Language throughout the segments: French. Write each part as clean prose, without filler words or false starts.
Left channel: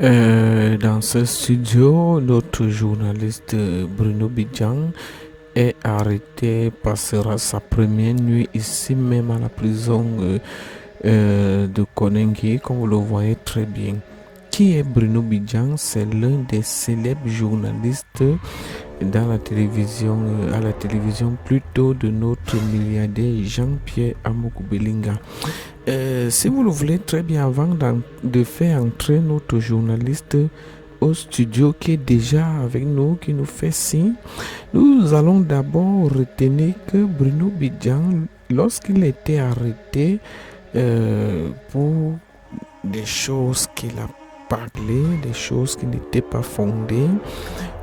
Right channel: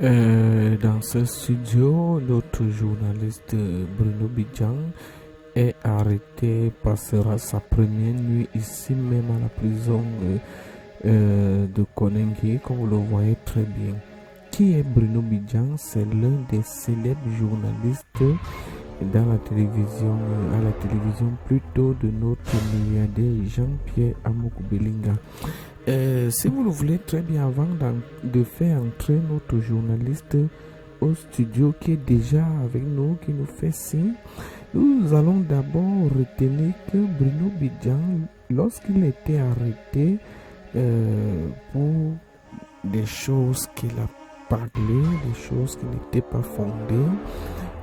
Dans ce studio, notre journaliste Bruno Bidjan est arrêté, passera sa première nuit ici même à la prison de Konengi, comme vous le voyez très bien. Qui est Bruno Bidjan? C'est l'un des célèbres journalistes dans la télévision, à la télévision plutôt de notre milliardaire Jean-Pierre Amokou-Belinga. Si vous le voulez très bien, avant de faire entrer notre journaliste au studio qui est déjà avec nous, qui nous fait signe, nous allons d'abord retenir que Bruno Bidjan, lorsqu'il était arrêté pour des choses qu'il a parlé, des choses qui n'étaient pas fondées,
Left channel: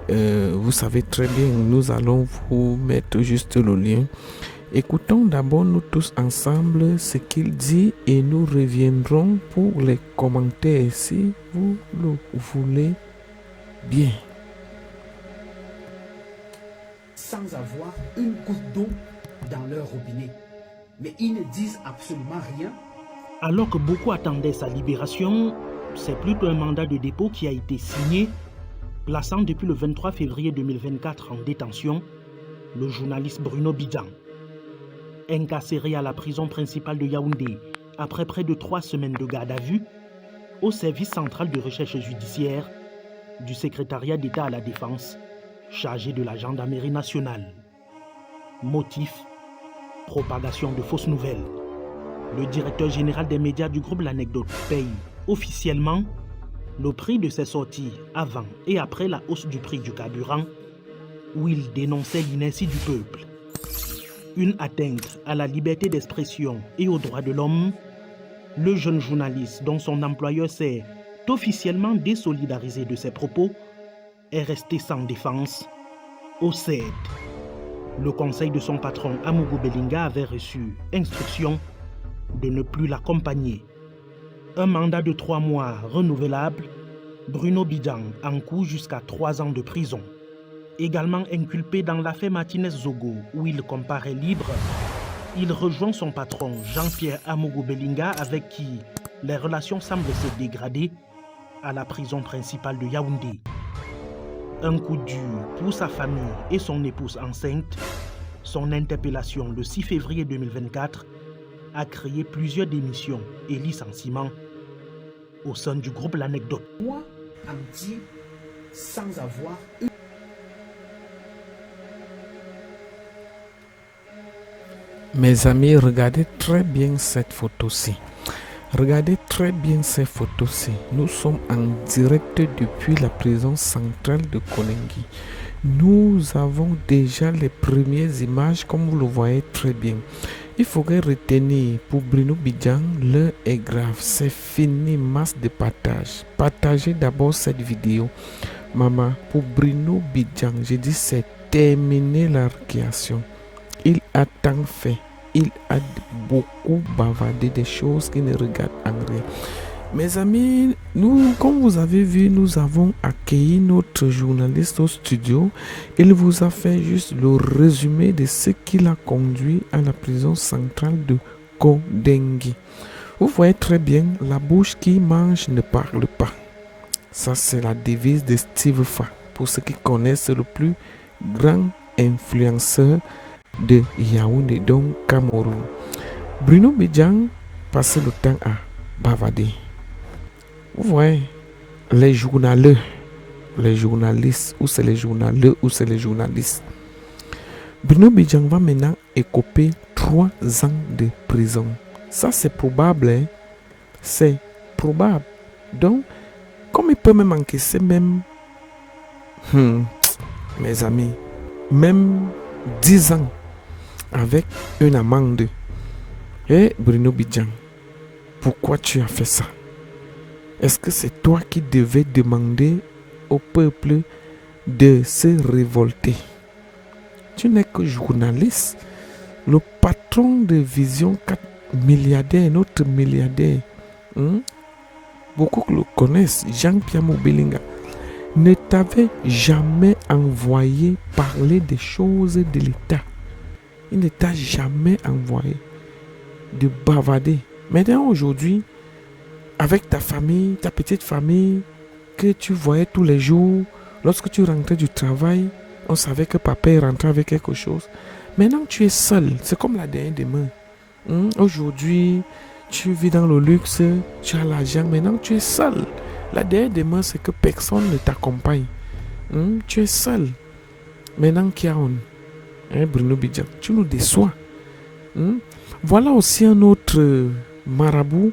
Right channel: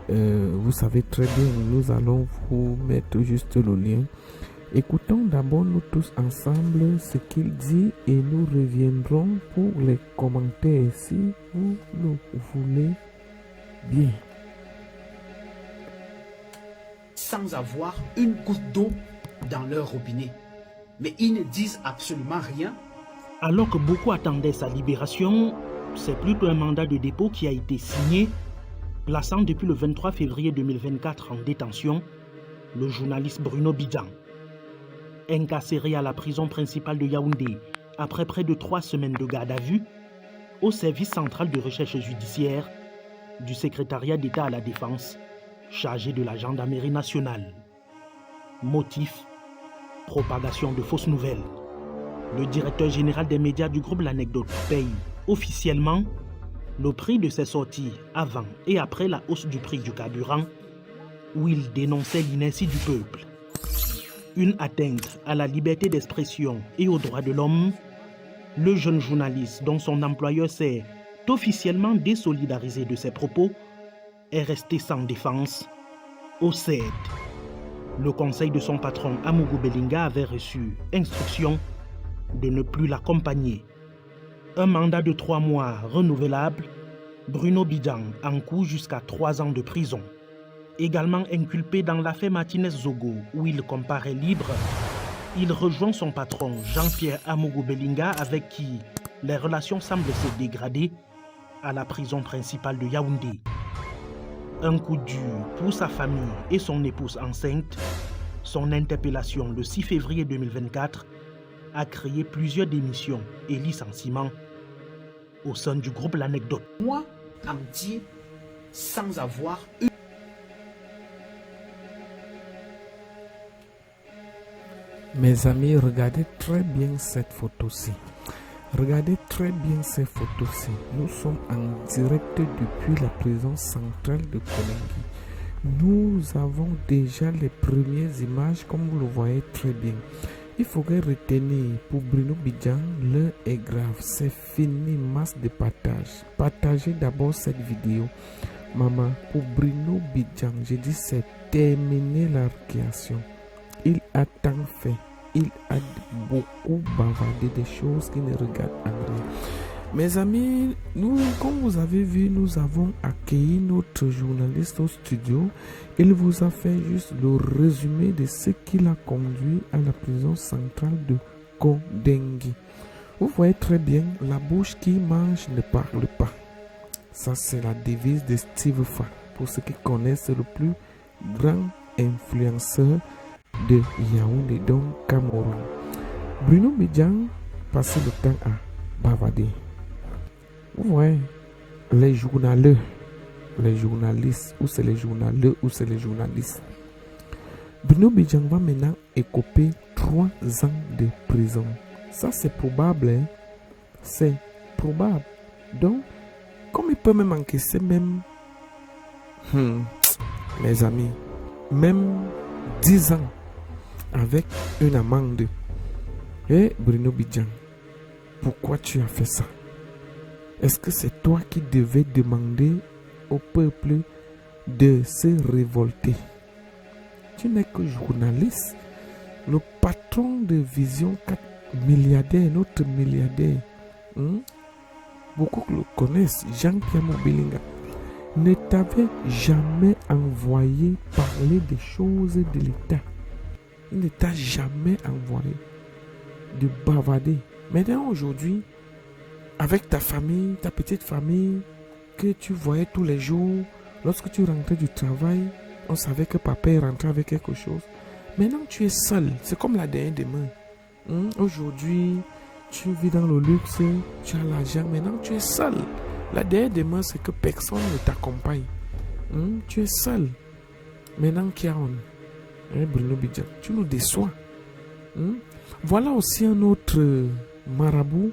vous savez très bien, nous allons vous mettre juste le lien. Écoutons d'abord nous tous ensemble ce qu'il dit et nous reviendrons pour les commentaires si vous le voulez bien. Sans avoir une goutte d'eau dans leur robinet. Mais ils ne disent absolument rien. Alors que beaucoup attendaient sa libération, c'est plutôt un mandat de dépôt qui a été signé, plaçant depuis le 23 février 2024 en détention le journaliste Bruno Bidjan. Incarcéré à la prison principale de Yaoundé après près de 3 semaines de garde à vue, au service central de recherche judiciaire du secrétariat d'État à la Défense, chargé de la gendarmerie nationale. Motif: propagation de fausses nouvelles. Le directeur général des médias du groupe L'Anecdote paye officiellement le prix de ses sorties avant et après la hausse du prix du carburant, où il dénonçait l'inertie du peuple. Une atteinte à la liberté d'expression et aux droits de l'homme, le jeune journaliste dont son employeur s'est officiellement désolidarisé de ses propos est resté sans défense au CED. Le conseil de son patron Amougou-Belinga avait reçu instruction de ne plus l'accompagner. Un mandat de 3 mois renouvelable, Bruno Bidjan encourt jusqu'à 3 ans de prison. Également inculpé dans l'affaire Martinez-Zogo où il comparaît libre, il rejoint son patron Jean-Pierre Amougou-Belinga avec qui les relations semblent se dégrader à la prison principale de Yaoundé. Un coup dur pour sa famille et son épouse enceinte, son interpellation le 6 février 2024 a créé plusieurs démissions et licenciements au sein du groupe L'Anecdote. Moi, à me dire, sans avoir une... Mes amis, regardez très bien cette photo-ci. Regardez très bien ces photos-ci. Nous sommes en direct depuis la prison centrale de Konengi. Nous avons déjà les premières images, comme vous le voyez très bien. Il faudrait retenir, pour Bruno Bidjan, l'heure est grave. C'est fini, masse de partage. Partagez d'abord cette vidéo. Maman, pour Bruno Bidjan, je dis c'est terminé la récréation. Il a tant fait. Il a beaucoup bavardé des choses qui ne regardent en rien. Mes amis, nous, comme vous avez vu, nous avons accueilli notre journaliste au studio. Il vous a fait juste le résumé de ce qui l'a conduit à la prison centrale de Kondengi. Vous voyez très bien, la bouche qui mange ne parle pas. Ça, c'est la devise de Steve Fa. Pour ceux qui connaissent, le plus grand influenceur de Yaoundé, donc Cameroun. Bruno Bidjan passait le temps à bavarder. Vous voyez, les journalistes, ou c'est les journaleux, ou c'est les journalistes. Bruno Bidjan va maintenant écoper 3 ans de prison. Ça, c'est probable. Hein? C'est probable. Donc, comme il peut même encaisser même, mes amis, même 10 ans avec une amende. Et Bruno Bidjan, pourquoi tu as fait ça? Est-ce que c'est toi qui devais demander au peuple de se révolter? Tu n'es que journaliste. Le patron de Vision 4 milliardaire, notre milliardaire, beaucoup le connaissent, Jean-Pierre Belinga, ne t'avait jamais envoyé parler des choses de l'État. Il ne t'a jamais envoyé de bavarder. Maintenant, aujourd'hui, avec ta famille, ta petite famille, que tu voyais tous les jours, lorsque tu rentrais du travail, on savait que papa est rentré avec quelque chose. Maintenant, tu es seul. C'est comme la dernière demain. Aujourd'hui, tu vis dans le luxe, tu as l'argent. Maintenant, tu es seul. La dernière demain, c'est que personne ne t'accompagne. Tu es seul. Maintenant, qui a on? Bruno Bidjan, tu nous déçois. Voilà aussi un autre marabout,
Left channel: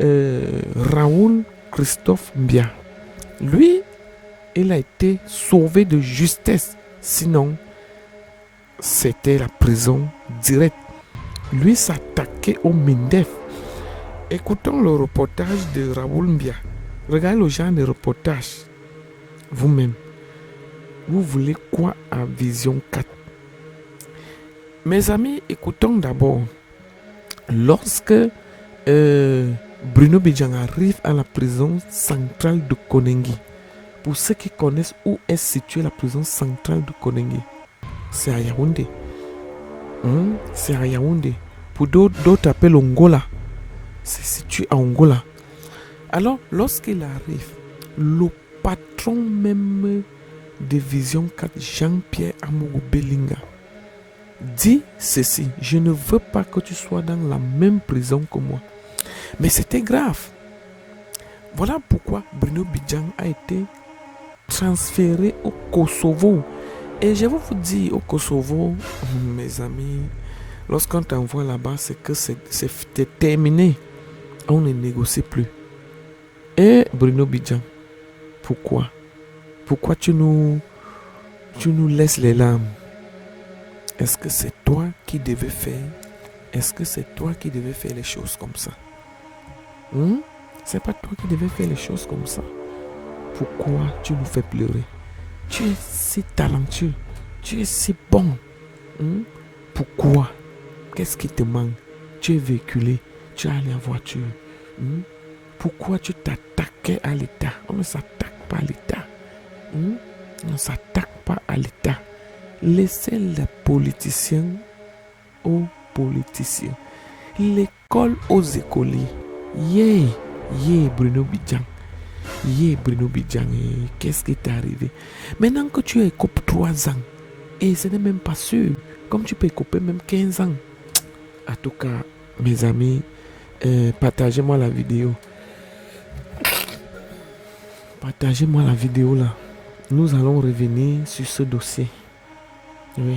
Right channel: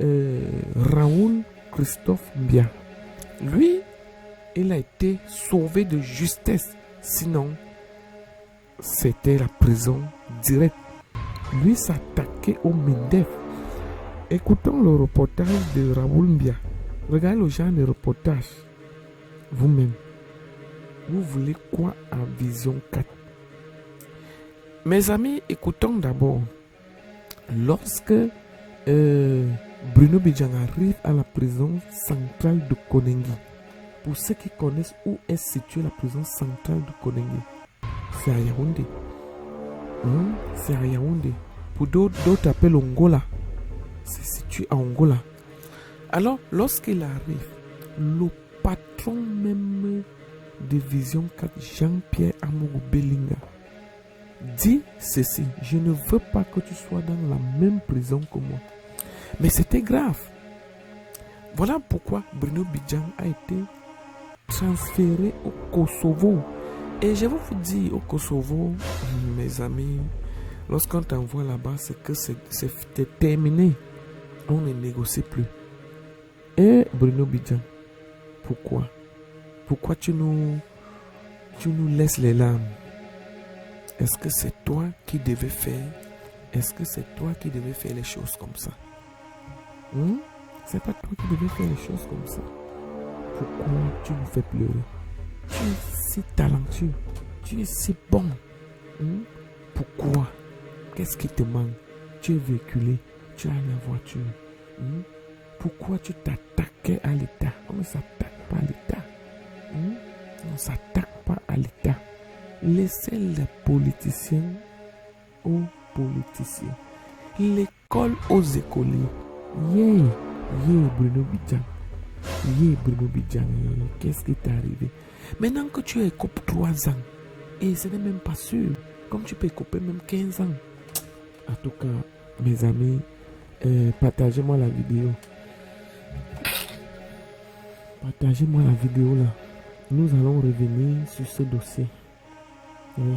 Raoul Christophe Mbia. Lui, il a été sauvé de justesse. Sinon, c'était la prison directe. Lui s'attaquait au Mindef. Écoutons le reportage de Raoul Mbia. Regardez le genre de reportage. Vous-même. Vous voulez quoi à Vision 4? Mes amis, écoutons d'abord. Lorsque Bruno Bidjan arrive à la prison centrale de Konengi, pour ceux qui connaissent où est située la prison centrale de Konengi, c'est à Yaoundé. C'est à Yaoundé. Pour d'autres appellent Angola. C'est situé à Angola. Alors, lorsqu'il arrive, le patron même de Vision 4, Jean-Pierre Amourou Belinga, dit ceci: je ne veux pas que tu sois dans la même prison que moi. Mais c'était grave. Voilà pourquoi Bruno Bidjan a été transféré au Kosovo. Et je vais vous dire, au Kosovo, mes amis, lorsqu'on t'envoie là-bas, c'est que c'est terminé. On ne négocie plus. Et Bruno Bidjan, pourquoi? Pourquoi tu nous laisses les larmes? Est-ce que c'est toi qui devais faire? Est-ce que c'est toi qui devais faire les choses comme ça? C'est pas toi qui devais faire les choses comme ça. Pourquoi tu nous fais pleurer? Tu es si talentueux. Tu es si bon. Pourquoi? Qu'est-ce qui te manque? Tu es véhiculé. Tu as la voiture. Pourquoi tu t'attaquais à l'État? On ne s'attaque pas à l'État. On ne s'attaque pas à l'État. Laissez les politiciens aux politiciens. L'école aux écoliers. Bruno Bidjan. Bruno Bidjan. Qu'est-ce qui t'est arrivé? Maintenant que tu écopes 3 ans, et ce n'est même pas sûr, comme tu peux écoper même 15 ans. En tout cas, mes amis, partagez-moi la vidéo. Partagez-moi la vidéo là. Nous allons revenir sur ce dossier. Oui.